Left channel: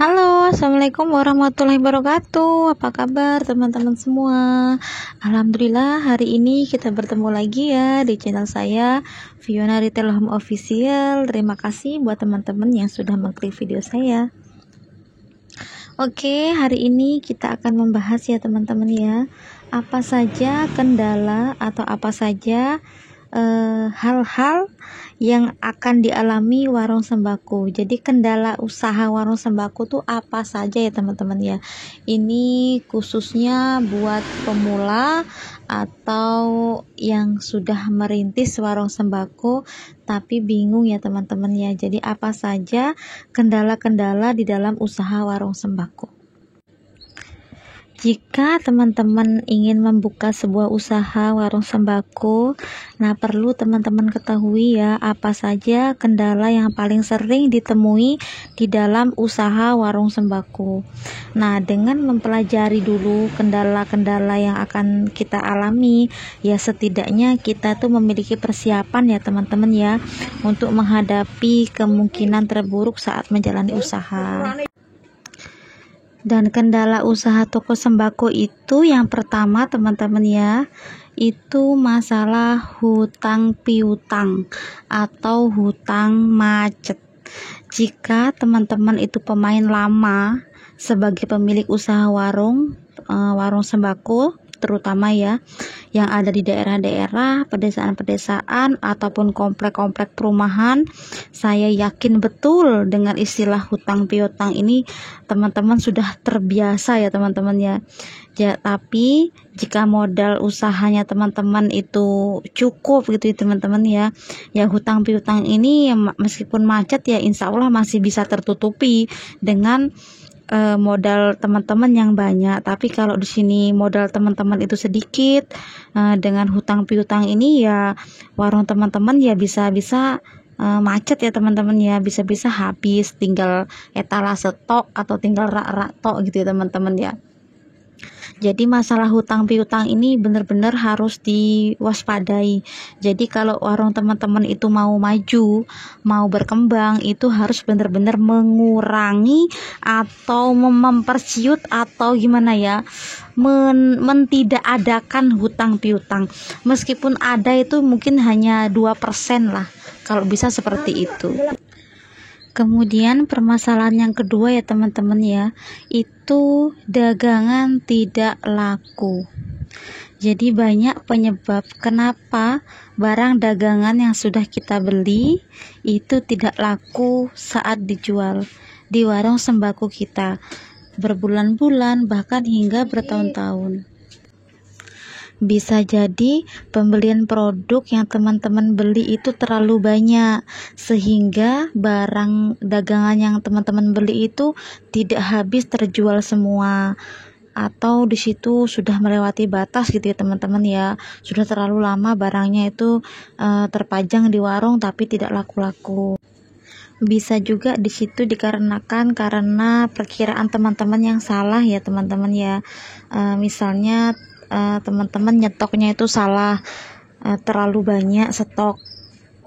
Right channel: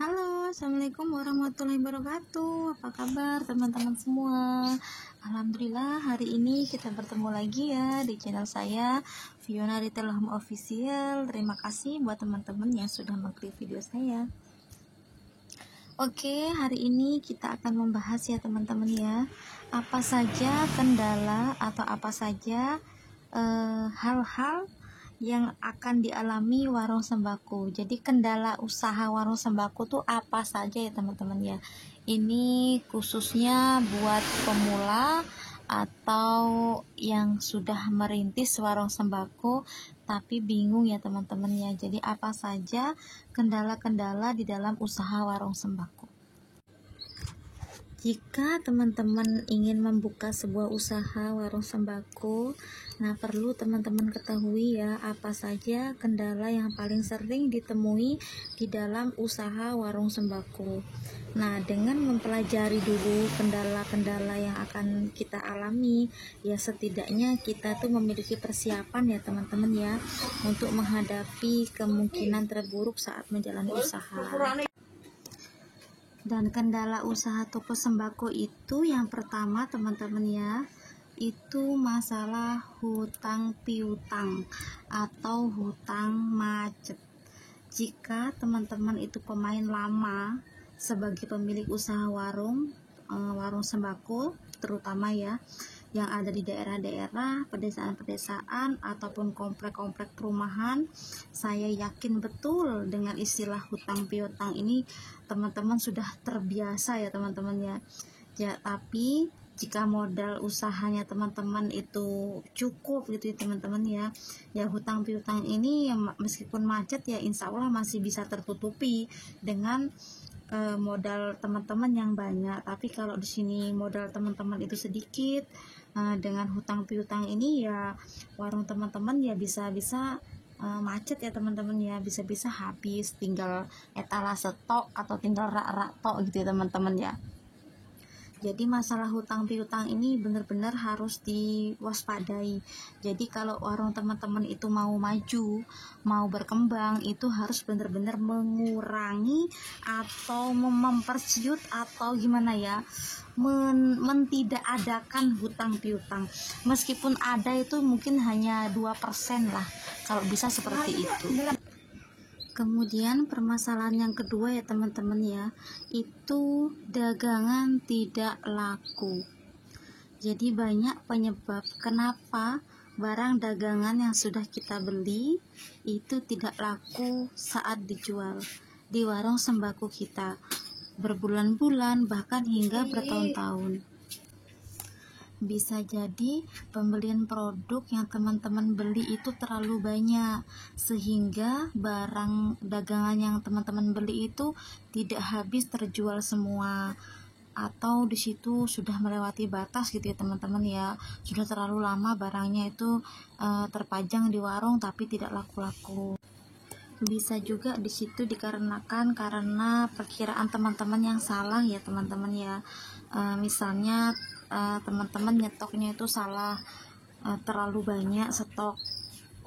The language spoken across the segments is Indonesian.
Halo, assalamualaikum warahmatullahi wabarakatuh. Apa kabar teman-teman semua? Alhamdulillah hari ini kita bertemu lagi ya di channel saya, Fiona Retail Home Official. Terima kasih buat teman-teman yang sudah mengklik video saya. Oke, hari ini kita akan membahas ya teman-teman ya, apa saja kendala atau apa saja hal-hal yang akan dialami warung sembako. Jadi kendala usaha warung sembako tuh apa saja ya teman-teman ya. Ini khususnya buat pemula atau yang sudah merintis warung sembako tapi bingung ya teman-teman ya. Jadi apa saja kendala-kendala di dalam usaha warung sembako. Jika teman-teman ingin membuka sebuah usaha warung sembako, nah perlu teman-teman ketahui ya apa saja kendala yang paling sering ditemui di dalam usaha warung sembako. Nah, dengan mempelajari dulu kendala-kendala yang akan kita alami, ya setidaknya kita tuh memiliki persiapan ya teman-teman ya untuk menghadapi kemungkinan terburuk saat menjalani usaha. Dan kendala usaha toko sembako itu yang pertama teman-teman ya, itu masalah hutang piutang atau hutang macet. Jika teman-teman itu pemain lama sebagai pemilik usaha warung sembako terutama ya yang ada di daerah-daerah, pedesaan-pedesaan ataupun komplek-komplek perumahan, saya yakin betul dengan istilah hutang piutang ini teman-teman sudah terbiasa ya teman-teman ya. Tapi jika modal usahanya teman-teman itu cukup gitu ya teman-teman ya, hutang piutang ini ya, meskipun macet ya insya Allah masih bisa tertutupi dengan modal teman-teman yang banyak. Tapi kalau di sini modal teman-teman itu sedikit, dengan hutang piutang ini ya warung teman-teman ya bisa-bisa macet ya teman-teman ya, bisa-bisa habis, tinggal etalase stok atau tinggal rak-rak tok gitu ya teman-teman ya. Jadi masalah hutang piutang ini benar-benar harus diwaspadai. Jadi kalau warung teman-teman itu mau maju, mau berkembang, itu harus benar-benar mengurangi atau mempersiut atau gimana ya, mentidakadakan hutang piutang. Meskipun ada itu mungkin hanya 2% lah, kalau bisa seperti itu. Kemudian permasalahan yang kedua ya teman-teman ya, itu dagangan tidak laku. Jadi banyak penyebab kenapa barang dagangan yang sudah kita beli itu tidak laku saat dijual di warung sembako kita, berbulan-bulan bahkan hingga bertahun-tahun. Bisa jadi pembelian produk yang teman-teman beli itu terlalu banyak sehingga barang dagangan yang teman-teman beli itu tidak habis terjual semua, atau di situ sudah melewati batas gitu ya teman-teman ya, sudah terlalu lama barangnya itu terpajang di warung tapi tidak laku-laku. Bisa juga di situ dikarenakan karena perkiraan teman-teman yang salah ya teman-teman ya. Misalnya teman-teman nyetoknya itu salah, terlalu banyak stok.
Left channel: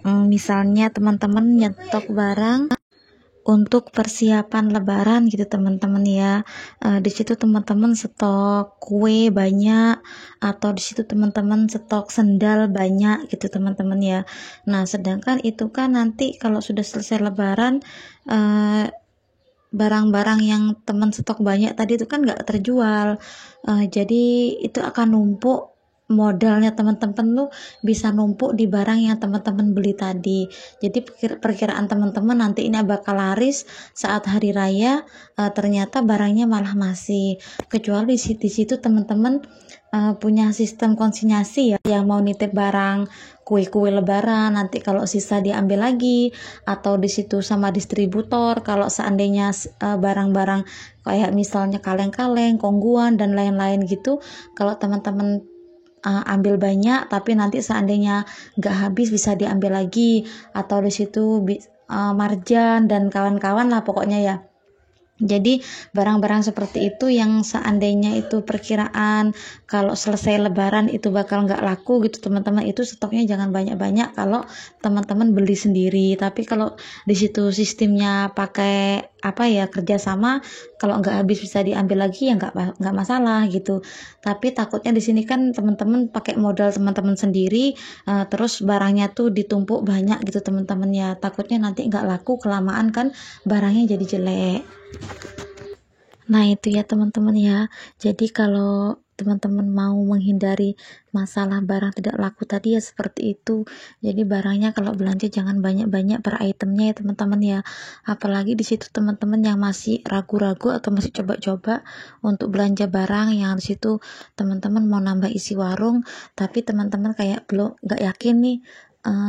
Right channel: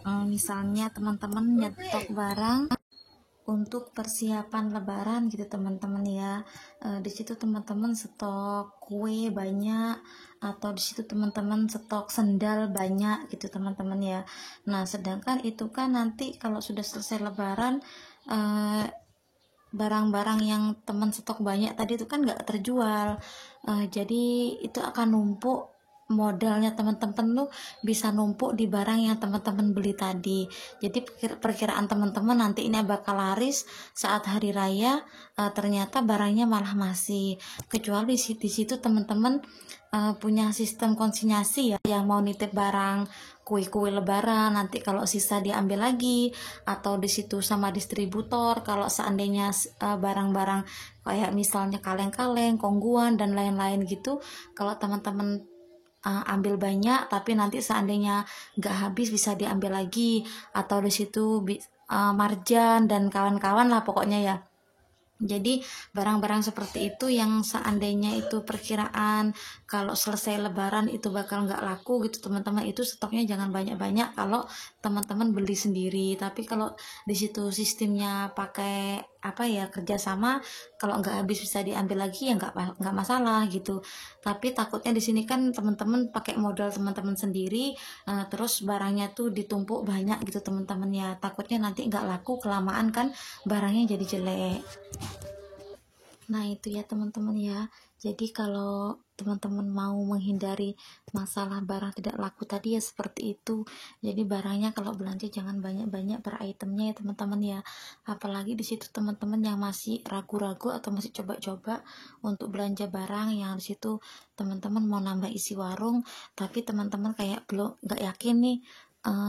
Misalnya teman-teman nyetok barang untuk persiapan lebaran gitu teman-teman ya. Di situ teman-teman stok kue banyak, atau di situ teman-teman stok sendal banyak gitu teman-teman ya. Nah, sedangkan itu kan nanti kalau sudah selesai lebaran, barang-barang yang teman stok banyak tadi itu kan nggak terjual, jadi itu akan numpuk, modalnya teman-teman tuh bisa numpuk di barang yang teman-teman beli tadi. Jadi perkiraan teman-teman nanti ini bakal laris saat hari raya, ternyata barangnya malah masih, kecuali di situ teman-teman punya sistem konsinyasi ya, yang mau nitip barang kue-kue lebaran nanti kalau sisa diambil lagi, atau di situ sama distributor kalau seandainya barang-barang kayak misalnya kaleng-kaleng, kongguan dan lain-lain gitu, kalau teman-teman ambil banyak tapi nanti seandainya nggak habis bisa diambil lagi, atau di situ marjan dan kawan-kawan lah pokoknya ya. Jadi barang-barang seperti itu yang seandainya itu perkiraan kalau selesai lebaran itu bakal nggak laku gitu teman-teman, itu stoknya jangan banyak-banyak kalau teman-teman beli sendiri. Tapi kalau di situ sistemnya pakai apa ya, kerjasama, kalau nggak habis bisa diambil lagi ya nggak masalah gitu. Tapi takutnya di sini kan teman-teman pakai modal teman-teman sendiri, terus barangnya tuh ditumpuk banyak gitu teman-teman ya, takutnya nanti nggak laku, kelamaan kan barangnya jadi jelek. Nah itu ya teman-teman ya, jadi kalau teman-teman mau menghindari masalah barang tidak laku tadi ya seperti itu. Jadi barangnya kalau belanja jangan banyak-banyak per itemnya ya teman-teman ya. Apalagi di situ teman-teman yang masih ragu-ragu atau masih coba-coba untuk belanja barang, yang di situ teman-teman mau nambah isi warung tapi teman-teman kayak belum nggak yakin nih,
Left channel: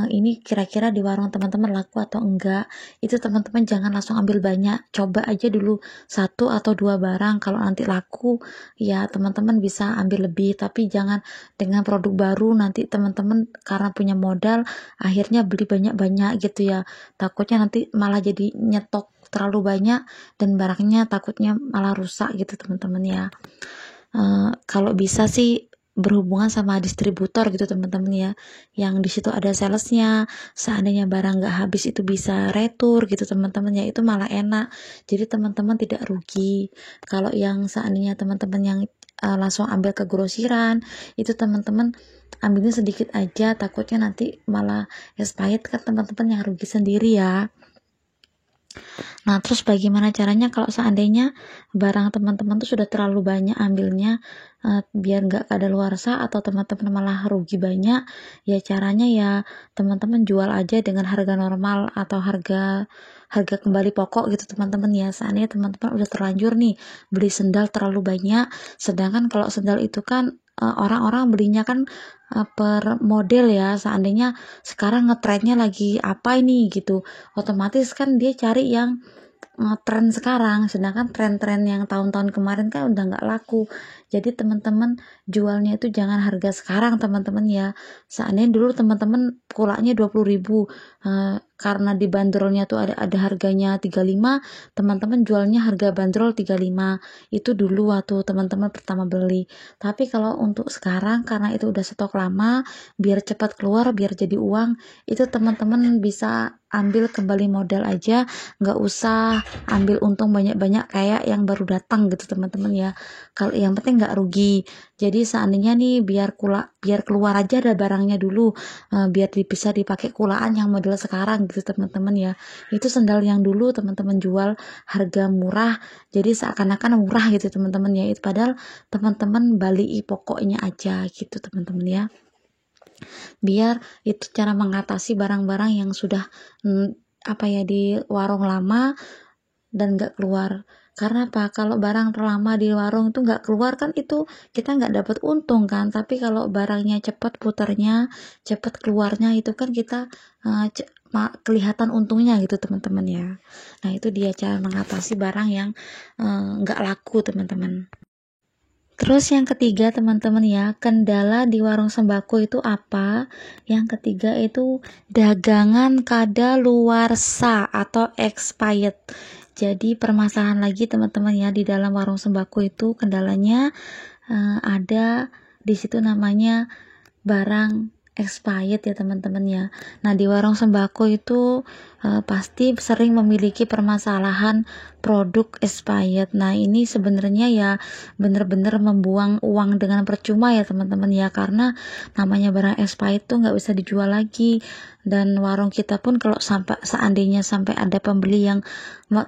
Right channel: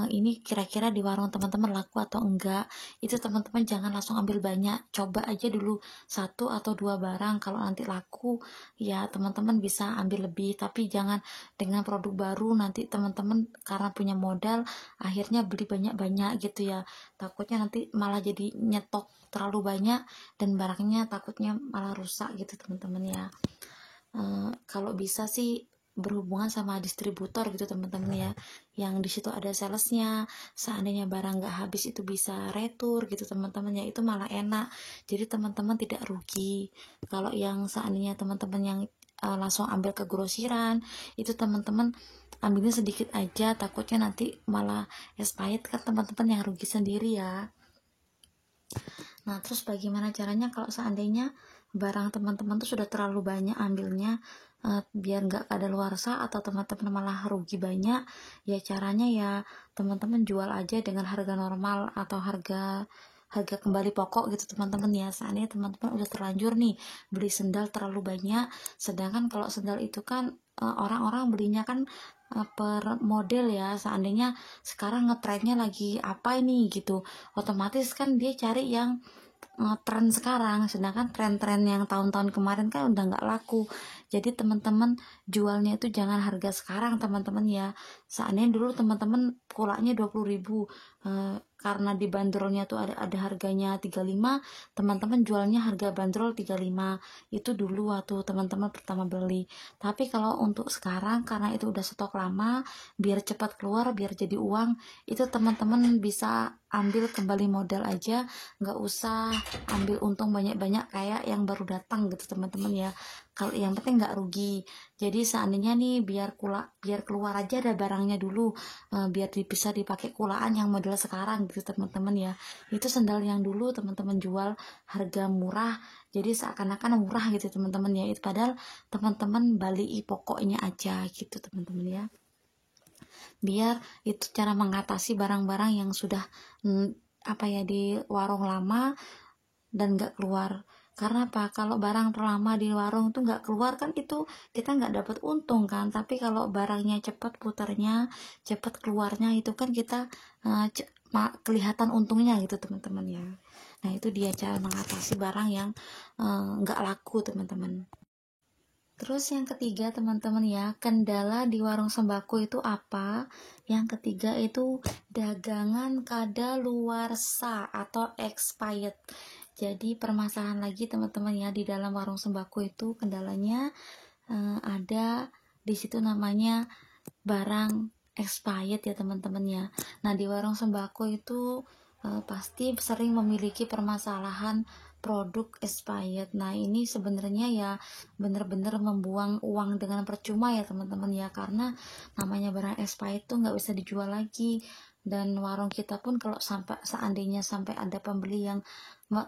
ini kira-kira di warung teman-teman laku atau enggak. Itu teman-teman jangan langsung ambil banyak, coba aja dulu 1 atau 2 barang. Kalau nanti laku ya teman-teman bisa ambil lebih, tapi jangan dengan produk baru nanti teman-teman karena punya modal akhirnya beli banyak-banyak gitu ya, takutnya nanti malah jadi nyetok terlalu banyak dan barangnya takutnya malah rusak gitu teman-teman ya. Kalau bisa sih berhubungan sama distributor gitu teman-teman ya, yang di situ ada salesnya, seandainya barang nggak habis itu bisa retur gitu teman-teman ya, itu malah enak, jadi teman-teman tidak rugi. Kalau yang seandainya teman-teman yang langsung ambil ke grosiran, itu teman-teman ambilnya sedikit aja, takutnya nanti malah expired kan teman-teman yang rugi sendiri ya. Nah, terus bagaimana caranya kalau seandainya barang teman-teman tuh sudah terlalu banyak ambilnya, biar nggak kadaluarsa atau teman-teman malah rugi banyak, ya caranya ya teman-teman jual aja dengan harga normal atau harga harga kembali pokok gitu teman-teman ya. Seandainya teman-teman udah terlanjur nih beli sendal terlalu banyak, sedangkan kalau sendal itu kan orang-orang belinya kan per model ya, seandainya sekarang ngetrennya lagi apa ini gitu, otomatis kan dia cari yang tren sekarang, sedangkan tren-tren yang tahun-tahun kemarin kan udah nggak laku. Jadi teman-teman jualnya itu jangan harga sekarang teman-teman ya. Seandainya dulu teman-teman kulaknya 20.000, karena di bandrolnya tuh ada harganya 35, teman-teman jualnya harga bandrol 35. Itu dulu waktu teman-teman pertama beli. Tapi kalau untuk sekarang karena itu udah stok lama, biar cepat keluar, biar jadi uang, itu teman-teman bisa ambil kembali modal aja, nggak usah ambil untung banyak-banyak kayak yang baru datang gitu teman-teman ya. Kalau yang penting nggak rugi. Jadi seandainya nih biar keluar aja ada barangnya dulu, biar bisa dipakai kulaan yang model sekarang gitu teman-teman ya. Itu sendal yang dulu teman-teman jual harga murah, jadi seakan-akan murah gitu teman-teman ya, itu padahal teman-teman beli pokoknya aja gitu teman-teman ya. Biar itu cara mengatasi barang-barang yang sudah apa ya di warung lama dan nggak keluar. Karena apa? Kalau barang terlama di warung itu nggak keluar kan itu kita nggak dapat untung kan. Tapi kalau barangnya cepat putarnya, cepat keluarnya, itu kan kita kelihatan untungnya gitu teman-teman ya. Nah itu dia cara mengatasi barang yang nggak laku teman-teman. Terus yang ketiga teman-teman ya, kendala di warung sembako itu apa? Yang ketiga itu dagangan kadaluarsa atau expired. Jadi permasalahan lagi teman-teman ya, di dalam warung sembako itu kendalanya ada di situ namanya barang expired ya teman-teman ya. Nah di warung sembako itu pasti sering memiliki permasalahan produk expired. Nah ini sebenarnya ya bener-bener membuang uang dengan percuma ya teman-teman ya, karena namanya barang expired tuh nggak bisa dijual lagi. Dan warung kita pun kalau seandainya sampai ada pembeli yang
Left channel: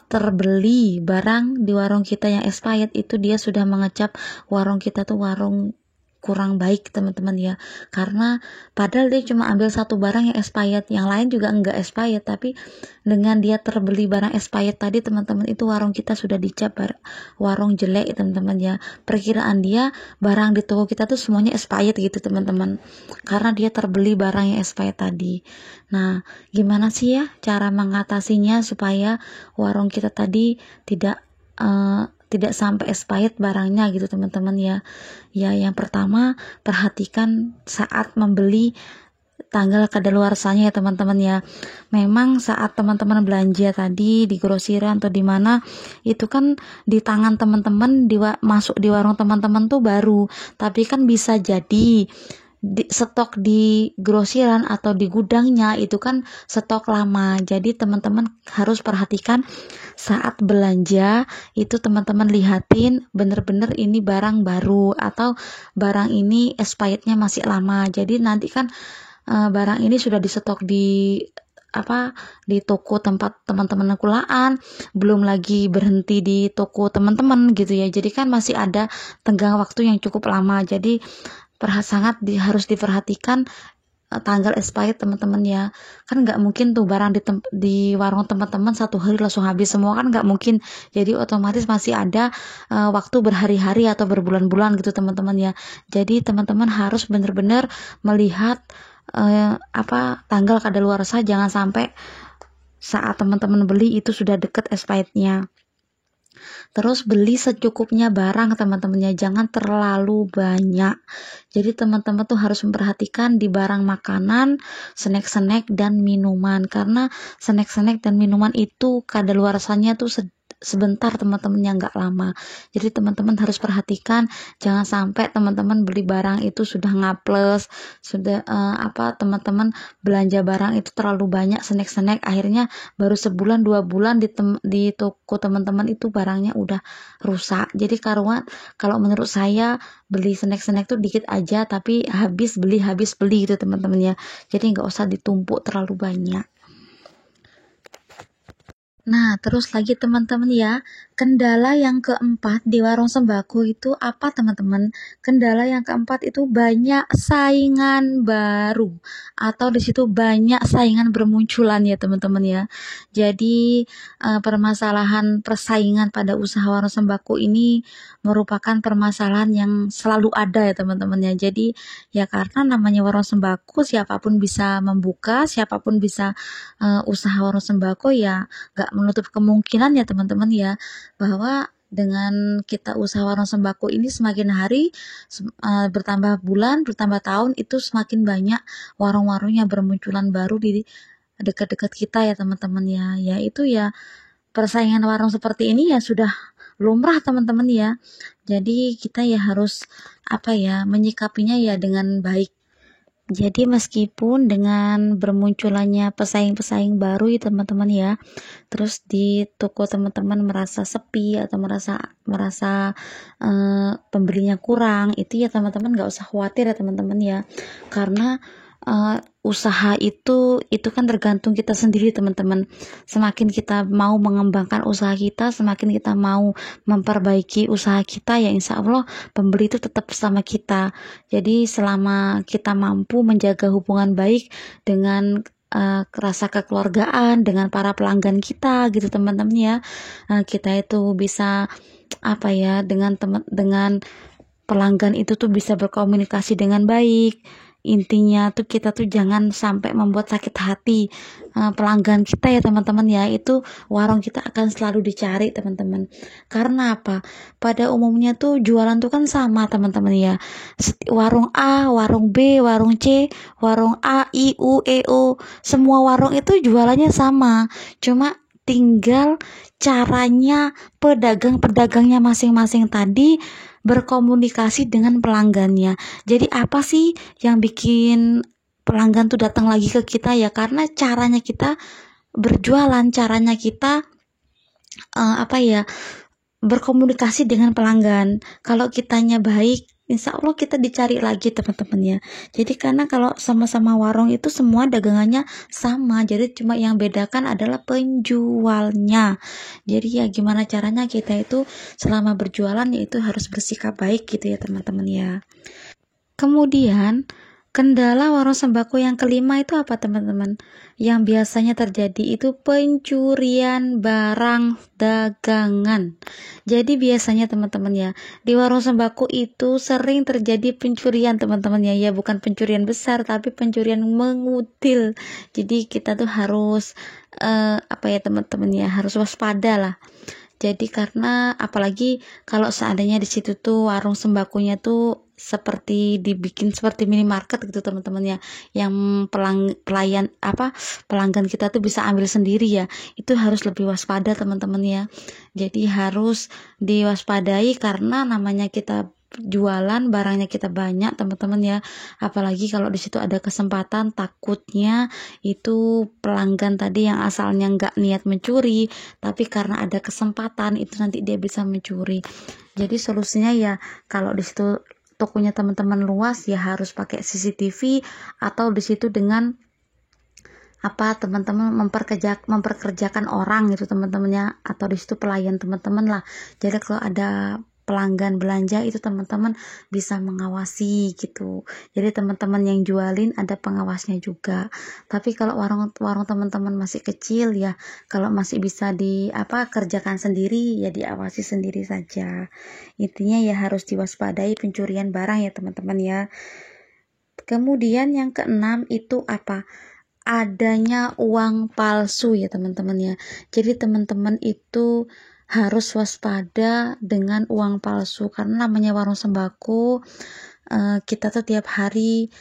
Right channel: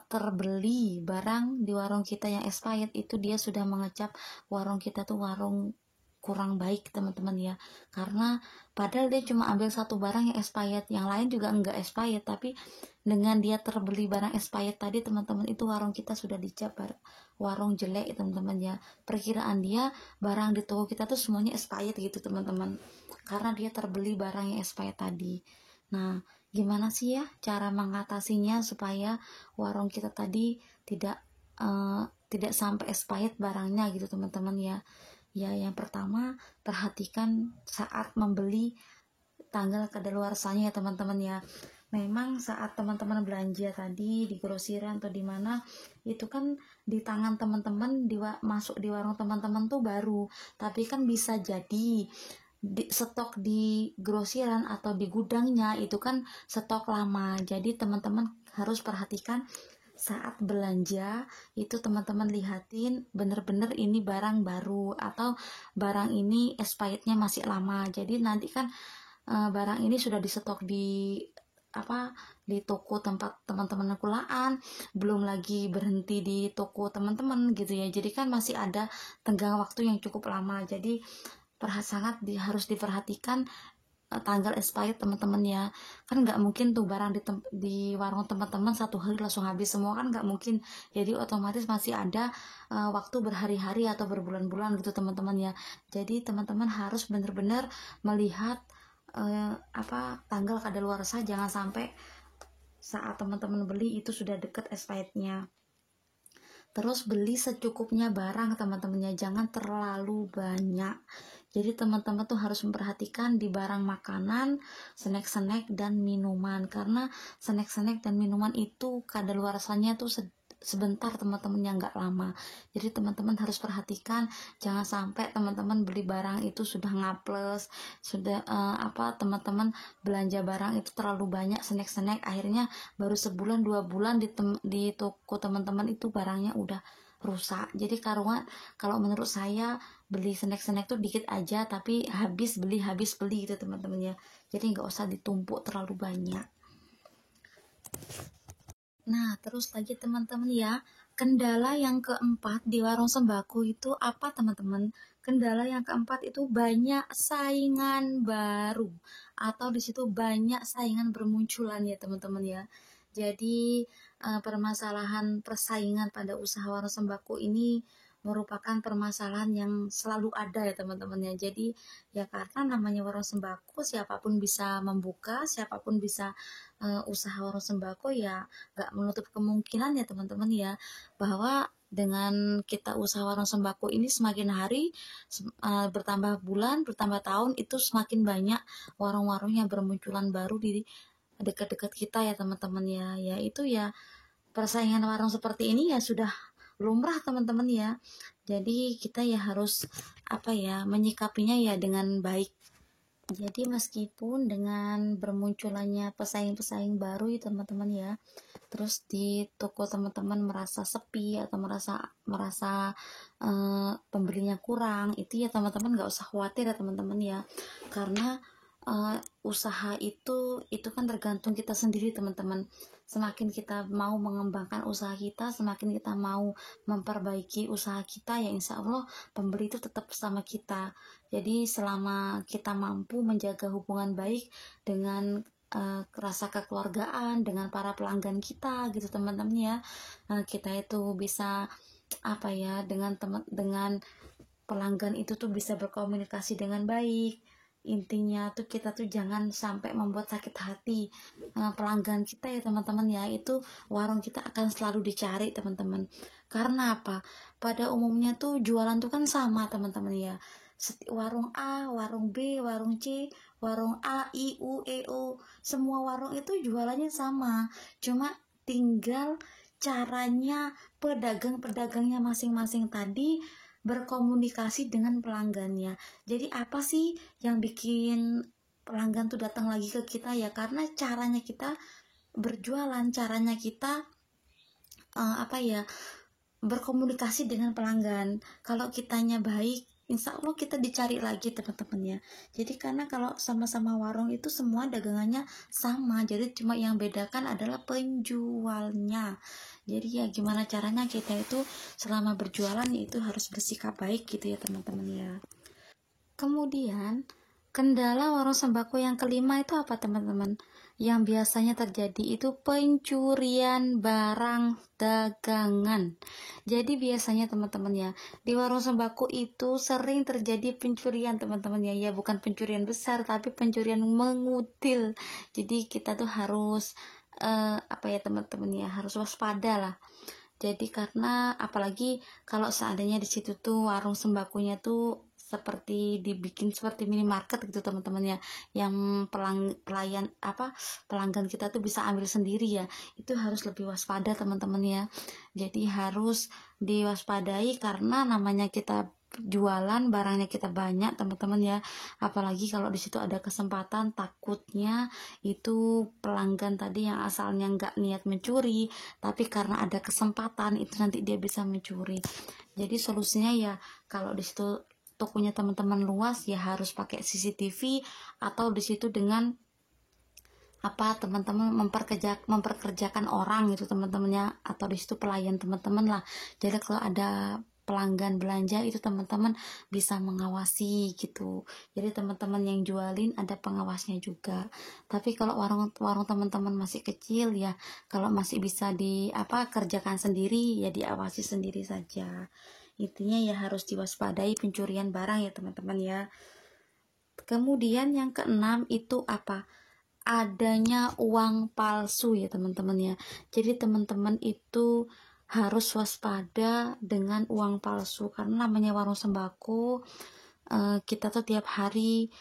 terbeli barang di warung kita yang expired, itu dia sudah mengecap warung kita tuh warung kurang baik teman-teman ya, karena padahal dia cuma ambil satu barang yang expired, yang lain juga enggak expired, tapi dengan dia terbeli barang expired tadi teman-teman, itu warung kita sudah dicap warung jelek teman-teman ya. Perkiraan dia barang di toko kita tuh semuanya expired gitu teman-teman, karena dia terbeli barang yang expired tadi. Nah gimana sih ya cara mengatasinya supaya warung kita tadi tidak sampai expired barangnya gitu teman-teman ya. Ya yang pertama, perhatikan saat membeli tanggal kadaluarsanya ya teman-teman ya. Memang saat teman-teman belanja tadi di grosiran atau di mana, itu kan di tangan teman-teman masuk di warung teman-teman tuh baru, tapi kan bisa jadi stok di grosiran atau di gudangnya itu kan stok lama. Jadi teman-teman harus perhatikan saat belanja itu, teman-teman lihatin bener-bener ini barang baru atau barang ini expirednya masih lama. Jadi nanti kan barang ini sudah disetok di toko tempat teman-teman kulaan, belum lagi berhenti di toko teman-teman gitu ya. Jadi kan masih ada tenggang waktu yang cukup lama. Jadi harus diperhatikan tanggal expired teman-teman ya. Kan nggak mungkin tuh barang di warung teman-teman satu hari langsung habis semua, kan nggak mungkin. Jadi otomatis masih ada waktu berhari-hari atau berbulan-bulan gitu teman-teman ya. Jadi teman-teman harus benar-benar melihat tanggal kadaluarsa, jangan sampai saat teman-teman beli itu sudah deket expirednya. Terus beli secukupnya barang teman-temannya, jangan terlalu banyak. Jadi teman-teman tuh harus memperhatikan di barang makanan, snack-snack dan minuman, karena snack-snack dan minuman itu kadaluarsanya tuh sebentar teman-temannya, nggak lama. Jadi teman-teman harus perhatikan, jangan sampai teman-teman beli barang itu sudah ngaples, sudah teman-teman belanja barang itu terlalu banyak snack-snack, akhirnya baru sebulan 2 bulan di toko teman-teman itu barangnya udah rusak. Jadi kalau menurut saya beli snack-snack tuh dikit aja tapi habis beli gitu teman-teman ya. Jadi nggak usah ditumpuk terlalu banyak. Nah, terus lagi teman-teman ya, kendala yang keempat di warung sembako itu apa teman-teman? Kendala yang keempat itu banyak saingan baru, atau di situ banyak saingan bermunculan ya teman-teman ya. Jadi permasalahan persaingan pada usaha warung sembako ini merupakan permasalahan yang selalu ada ya teman-teman ya. Jadi ya karena namanya warung sembako, siapapun bisa membuka, siapapun bisa usaha warung sembako ya. Gak menutup kemungkinan ya teman-teman ya, bahwa dengan kita usaha warung sembako ini semakin hari bertambah bulan, bertambah tahun, itu semakin banyak warung-warung yang bermunculan baru di dekat-dekat kita ya teman-teman ya. Ya itu ya, persaingan warung seperti ini ya sudah lumrah teman-teman ya. Jadi kita ya harus menyikapinya ya dengan baik. Jadi meskipun dengan bermunculannya pesaing-pesaing baru ya teman-teman ya, terus di toko teman-teman merasa sepi atau merasa pembelinya kurang, itu ya teman-teman nggak usah khawatir ya teman-teman ya, karena usaha itu kan tergantung kita sendiri teman-teman. Semakin kita mau mengembangkan usaha kita, semakin kita mau memperbaiki usaha kita, ya insya Allah pembeli itu tetap bersama kita. Jadi selama kita mampu menjaga hubungan baik dengan rasa kekeluargaan dengan para pelanggan kita gitu teman-teman ya, kita itu bisa dengan pelanggan itu tuh bisa berkomunikasi dengan baik. Intinya tuh kita tuh jangan sampai membuat sakit hati pelanggan kita ya teman-teman ya. Itu warung kita akan selalu dicari teman-teman. Karena apa? Pada umumnya tuh jualan tuh kan sama teman-teman ya. Warung A, warung B, warung C, warung A, I, U, E, O, semua warung itu jualannya sama. Cuma tinggal caranya pedagang-pedagangnya masing-masing tadi berkomunikasi dengan pelanggannya. Jadi apa sih yang bikin pelanggan tuh datang lagi ke kita ya? Karena caranya kita berjualan, caranya kita berkomunikasi dengan pelanggan. Kalau kitanya baik, insya Allah kita dicari lagi teman-teman ya. Jadi karena kalau sama-sama warung itu semua dagangannya sama, jadi cuma yang bedakan adalah penjualnya. Jadi ya gimana caranya kita itu selama berjualan yaitu harus bersikap baik gitu ya teman-teman ya. Kemudian kendala warung sembako yang kelima itu apa teman-teman? Yang biasanya terjadi itu pencurian barang dagangan. Jadi biasanya teman-teman ya, di warung sembako itu sering terjadi pencurian teman-teman ya, bukan pencurian besar tapi pencurian mengutil. Jadi kita tuh harus teman-teman ya, harus waspada lah. Jadi karena apalagi kalau seandainya di situ tuh warung sembakonya tuh seperti dibikin seperti minimarket gitu teman-teman ya, yang pelanggan kita tuh bisa ambil sendiri ya. Itu harus lebih waspada teman-teman ya. Jadi harus diwaspadai karena namanya kita jualan, barangnya kita banyak teman-teman ya, apalagi kalau di situ ada kesempatan, takutnya itu pelanggan tadi yang asalnya nggak niat mencuri, tapi karena ada kesempatan itu nanti dia bisa mencuri. Jadi solusinya ya, kalau di situ tokonya teman-teman luas ya harus pakai CCTV, atau di situ dengan teman-teman memperkerjakan orang gitu teman-temannya, atau di situ pelayan teman-teman lah. Jadi kalau ada pelanggan belanja itu teman-teman bisa mengawasi gitu. Jadi teman-teman yang jualin ada pengawasnya juga. Tapi kalau warung teman-teman masih kecil ya, kalau masih bisa kerjakan sendiri ya diawasi sendiri saja. Intinya ya harus diwaspadai pencurian barang ya teman-teman ya. Kemudian yang keenam itu adanya uang palsu ya teman-teman ya. Jadi teman-teman itu harus waspada dengan uang palsu, karena namanya warung sembako, kita tuh tiap hari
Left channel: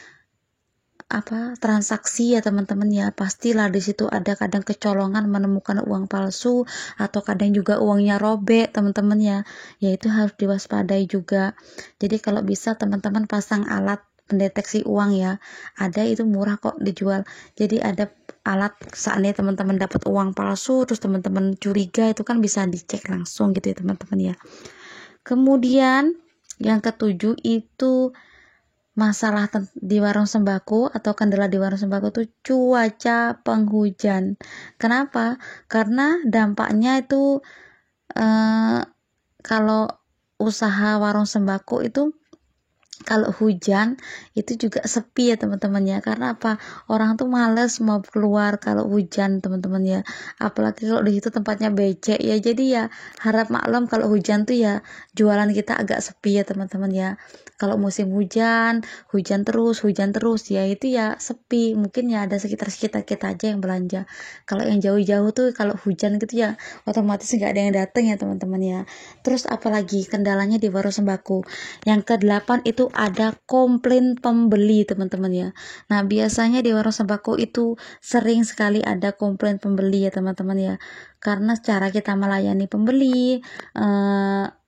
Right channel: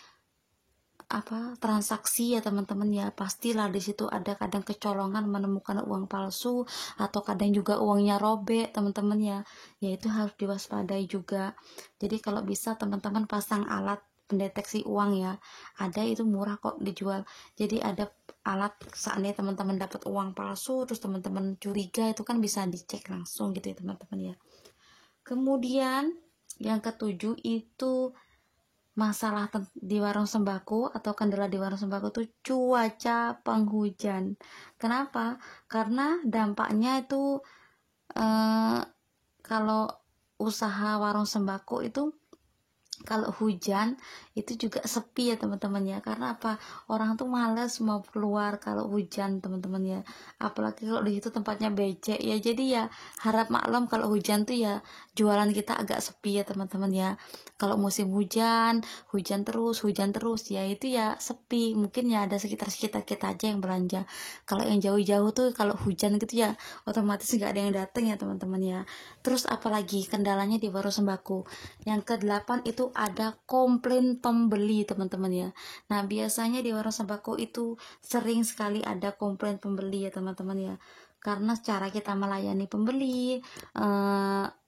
transaksi ya teman-teman ya, pastilah di situ ada kadang kecolongan menemukan uang palsu, atau kadang juga uangnya robek teman-teman ya. Ya itu harus diwaspadai juga. Jadi kalau bisa teman-teman pasang alat pendeteksi uang ya, ada itu murah kok dijual. Jadi ada alat, seandainya teman-teman dapat uang palsu terus teman-teman curiga, itu kan bisa dicek langsung gitu ya teman-teman ya. Kemudian yang ketujuh itu masalah di warung sembako atau kendala di warung sembako itu cuaca penghujan. Kenapa? Karena dampaknya itu kalau usaha warung sembako itu kalau hujan itu juga sepi ya teman-teman ya. Karena orang tuh males mau keluar kalau hujan teman-teman ya, apalagi kalau di situ tempatnya becek ya. Jadi ya harap maklum kalau hujan tuh ya jualan kita agak sepi ya teman-teman ya. Kalau musim hujan terus ya itu ya sepi, mungkin ya ada sekitar kita aja yang belanja. Kalau yang jauh-jauh tuh kalau hujan gitu ya otomatis nggak ada yang datang ya teman-teman ya. Terus apalagi kendalanya di warung sembako, yang ke-8 itu ada komplain pembeli teman-teman ya. Nah biasanya di warung sembako itu sering sekali ada komplain pembeli ya teman-teman ya, karena cara kita melayani pembeli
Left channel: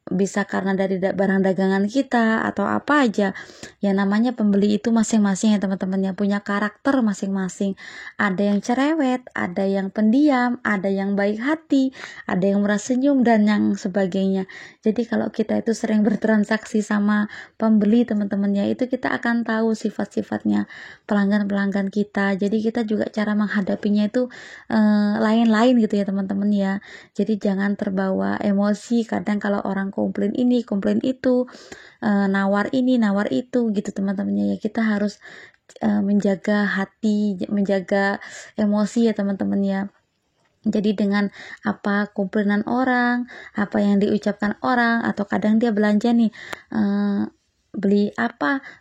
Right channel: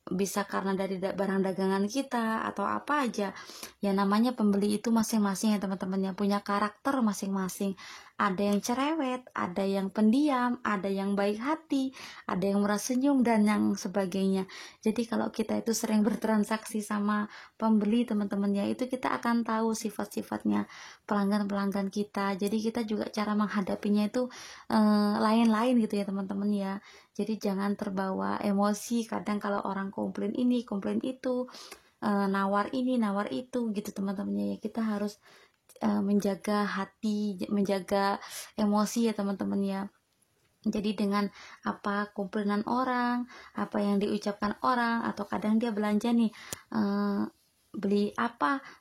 bisa karena dari barang dagangan kita atau apa aja ya. Namanya pembeli itu masing-masing ya teman-teman ya, punya karakter masing-masing. Ada yang cerewet, ada yang pendiam, ada yang baik hati, ada yang murah senyum dan yang sebagainya. Jadi kalau kita itu sering bertransaksi sama pembeli teman-teman ya, itu kita akan tahu sifat-sifatnya pelanggan-pelanggan kita. Jadi kita juga cara menghadapinya itu lain-lain gitu ya teman-teman ya. Jadi jangan terbawa emosi kadang kalau orang komplain ini komplain itu, nawar ini nawar itu gitu teman-temannya ya. Kita harus menjaga hati, menjaga emosi ya teman-teman ya. Jadi dengan komplainan orang, apa yang diucapkan orang, atau kadang dia belanja nih beli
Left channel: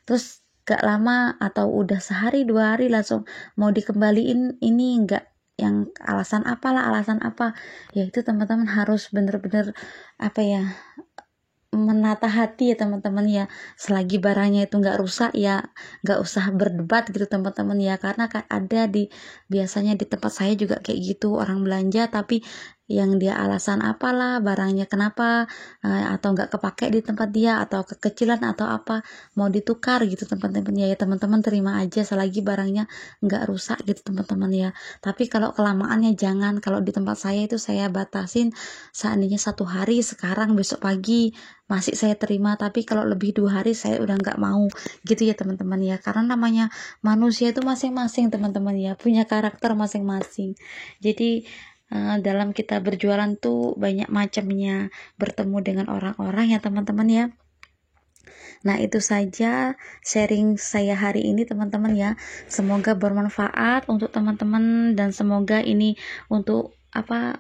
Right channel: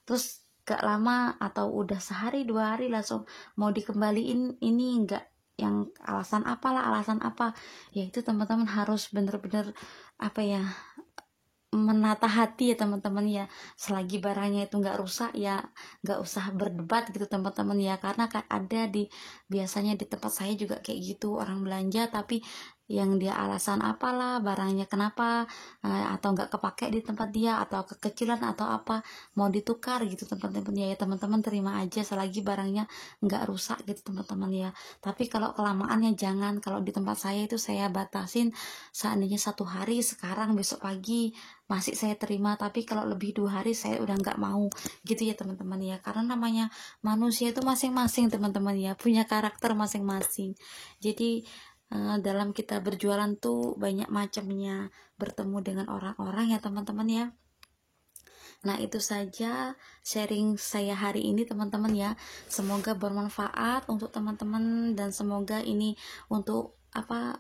terus gak lama atau udah sehari 2 hari langsung mau dikembaliin, ini enggak, yang alasan apa ya, itu teman-teman harus bener-bener menata hati ya teman-teman ya. Selagi barangnya itu nggak rusak ya nggak usah berdebat gitu teman-teman ya, karena kan ada biasanya di tempat saya juga kayak gitu, orang belanja tapi yang dia alasan barangnya kenapa atau nggak kepake di tempat dia, atau kekecilan atau mau ditukar gitu teman-teman ya. Teman-teman terima aja selagi barangnya nggak rusak gitu teman-teman ya. Tapi kalau kelamaannya jangan. Kalau di tempat saya itu saya batasin, seandainya 1 hari, sekarang besok pagi masih saya terima, tapi kalau lebih 2 hari saya udah nggak mau gitu ya teman-teman ya. Karena namanya manusia itu masing-masing teman-teman ya, punya karakter masing-masing. Jadi dalam kita berjualan tuh banyak macamnya, bertemu dengan orang-orang ya teman-teman ya. Nah itu saja sharing saya hari ini teman-teman ya. Semoga bermanfaat untuk teman-teman, dan semoga ini untuk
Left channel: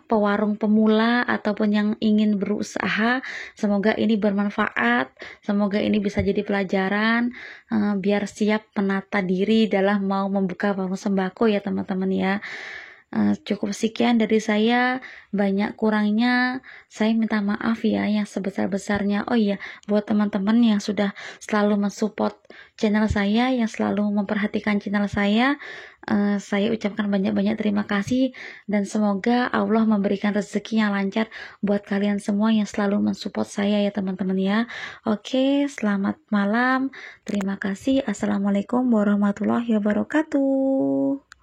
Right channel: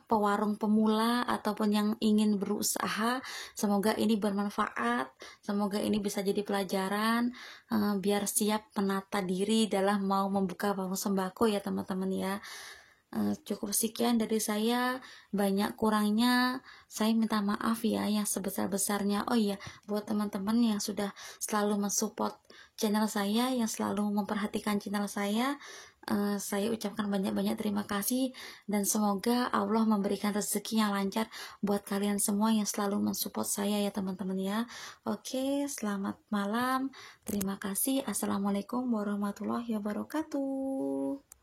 pewarung pemula ataupun yang ingin berusaha, semoga ini bermanfaat, semoga ini bisa jadi pelajaran biar siap menata diri dalam mau membuka warung sembako ya teman-teman ya. Cukup sekian dari saya, banyak kurangnya saya minta maaf ya yang sebesar-besarnya. Oh iya, buat teman-teman yang sudah selalu mensupport channel saya, yang selalu memperhatikan channel saya ucapkan banyak-banyak terima kasih, dan semoga Allah memberikan rezeki yang lancar buat kalian semua yang selalu mensupport saya ya teman-teman ya. Oke, selamat malam. Terima kasih. Assalamualaikum warahmatullahi wabarakatuh.